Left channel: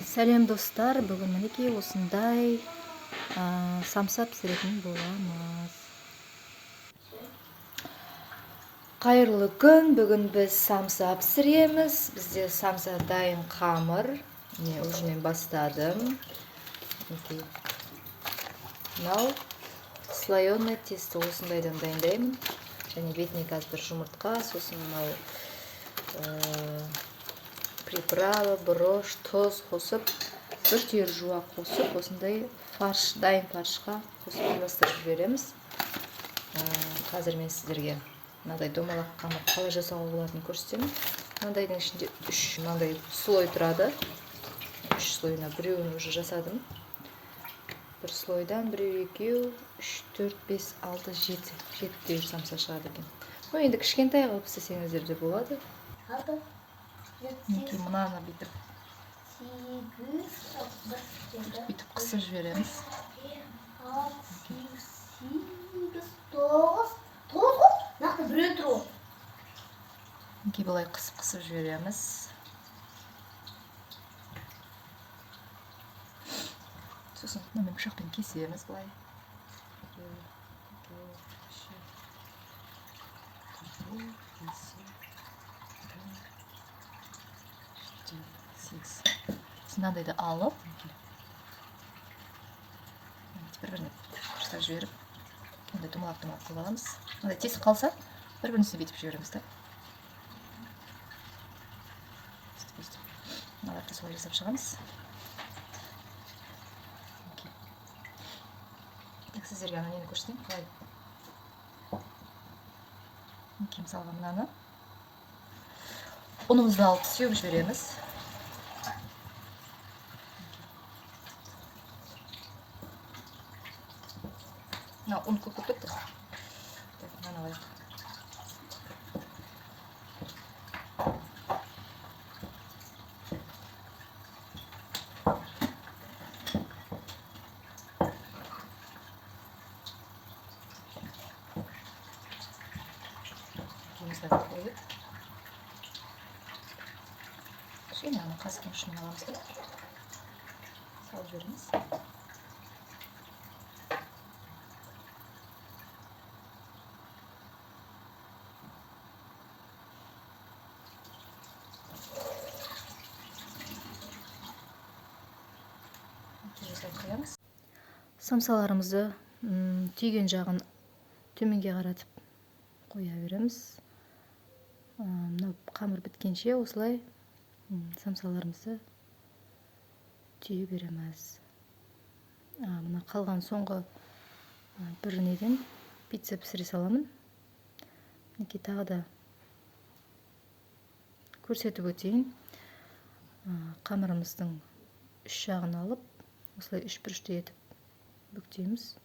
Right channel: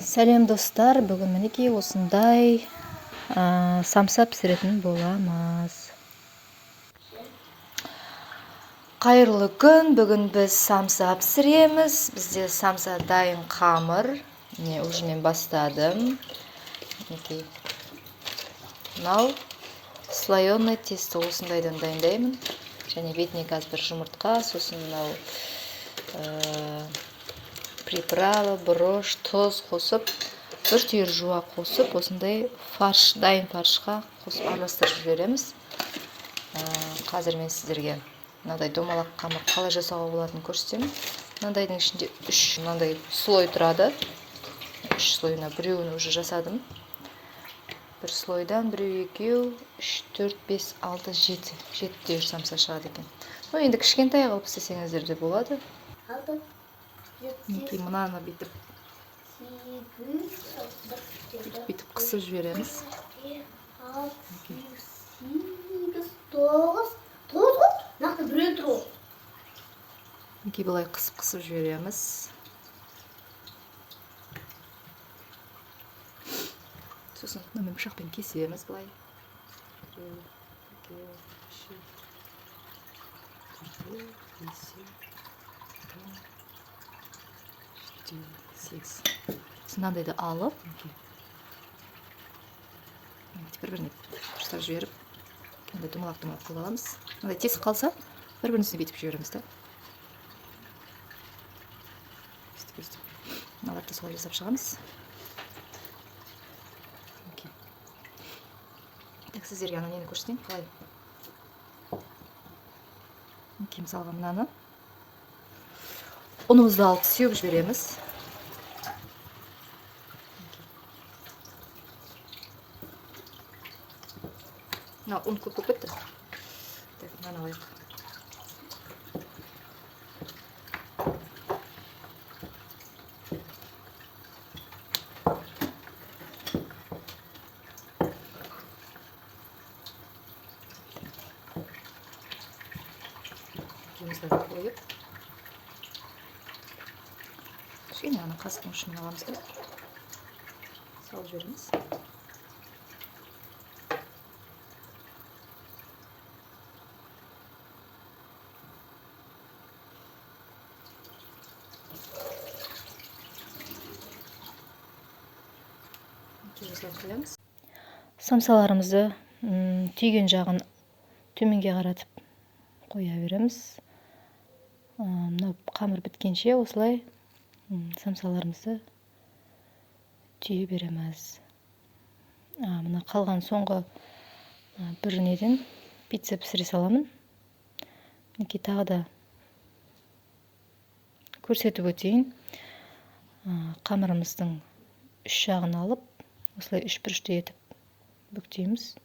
Сәлем достар, бүгін мінекей осындай самса пісіретін боламыз. Қайырлы күн, бүгін біз самса пісіреміз. Бізде самса дайын қамыр. Міне уже мен бастадым. Мінекей. Мынау слоеный тесто осындайдан дайындаймын. Және бетіне қазір бір жұмыртқа, сосын мынау приправа, бұрыш, тұз қосып, бір түйір жуа қосып, осындай фарш, дайын фаршқа қосып араластырып жібереміз. Қазір мен сіздерге мынадай домалақ қамыр қалай жасауға болатынын көрсетемін. Мынадайдың ішінде 3 мынандай слой тұрады. 3 слойына біреуін уже жасадым. Бір слойдан біреу, екеу, 3, 4, 5, 6, 7. 7 самса шығады екен. Енді кішкентай қылып істесеңіздер де болады. Мінекей мынаны бүйтіп қысып жібереміз. Мінекей былай қысып жібереміз. Сосын мынамен пышақпен кесеміз былай. 8. Мынандайды алып, бір-біріне дұрыстап жіберіп, мынандай домалақ қылып аламыз. Мынандай тесік қалса, бір-біріне бүйтіп жібереміз да. Мыналарды солай жасап шығамыз. Сіздерге ана нені көрсетейін, қалай. Мысалға мынаны ұнымызды алып сеуіп жібереміз. Мына ұн көп кетті. Мынаны алайық. Қойып, кішкене ана қасықтың ұшын аламыз да салып жібереміз. Қоямыз. Самсаларымызды түйген жағын төменге қаратып қоя береміз. Мынау қамыр біткенше осылай самсаларымызды түйе береміз. Мына қалған соңғы бір неден пицца пісіре саламын. Мінекей тағы да көрсетіп өтейін. Қамырымыздың 3 жағын алып, осылай 3 бұрышты етіп бүктейміз.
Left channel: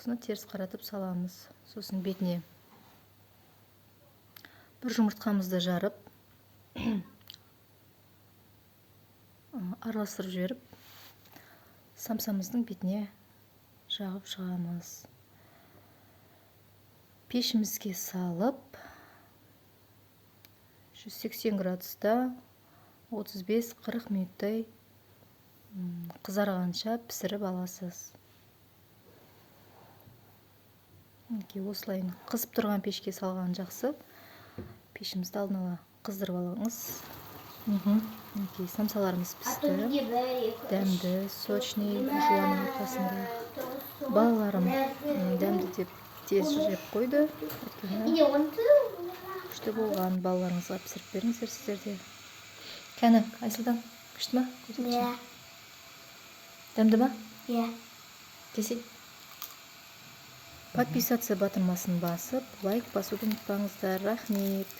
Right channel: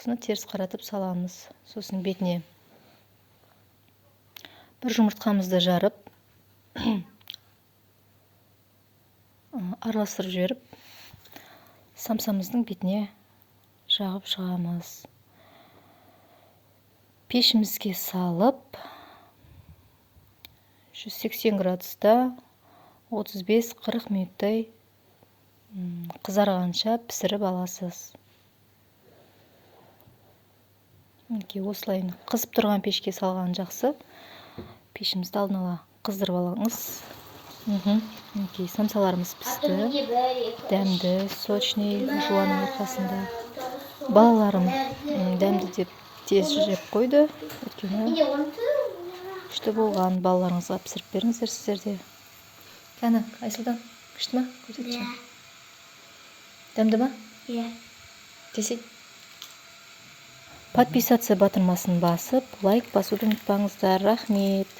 Осыны теріс қаратып саламыз. Сосын бетіне бір жұмыртқамызды жарып, араластырып жіберіп, самсамыздың бетіне жағып шығамыз. Пешімізге салып, 180 градуста 35-40 минуттай қызарғанша пісіріп аласыз. Осылай қызып тұрған пешке салған жақсы. Пешімізді алдын ала қыздырып алыңыз. Самсаларымыз пісті. Дәмді, сочный, жуаның арқасында. Балаларым дәмді деп тез жеп қойды. Өйткені күшті болған. Балаларыңызға пісіріп беріңіздер сіздерде. Кәні, Айсұлдан, күшті ма? Көрсетші. Дәмді ма? Десей. Подписаться батырмасын басып, лайк басуды ұмытпаңыздар. Рахмет.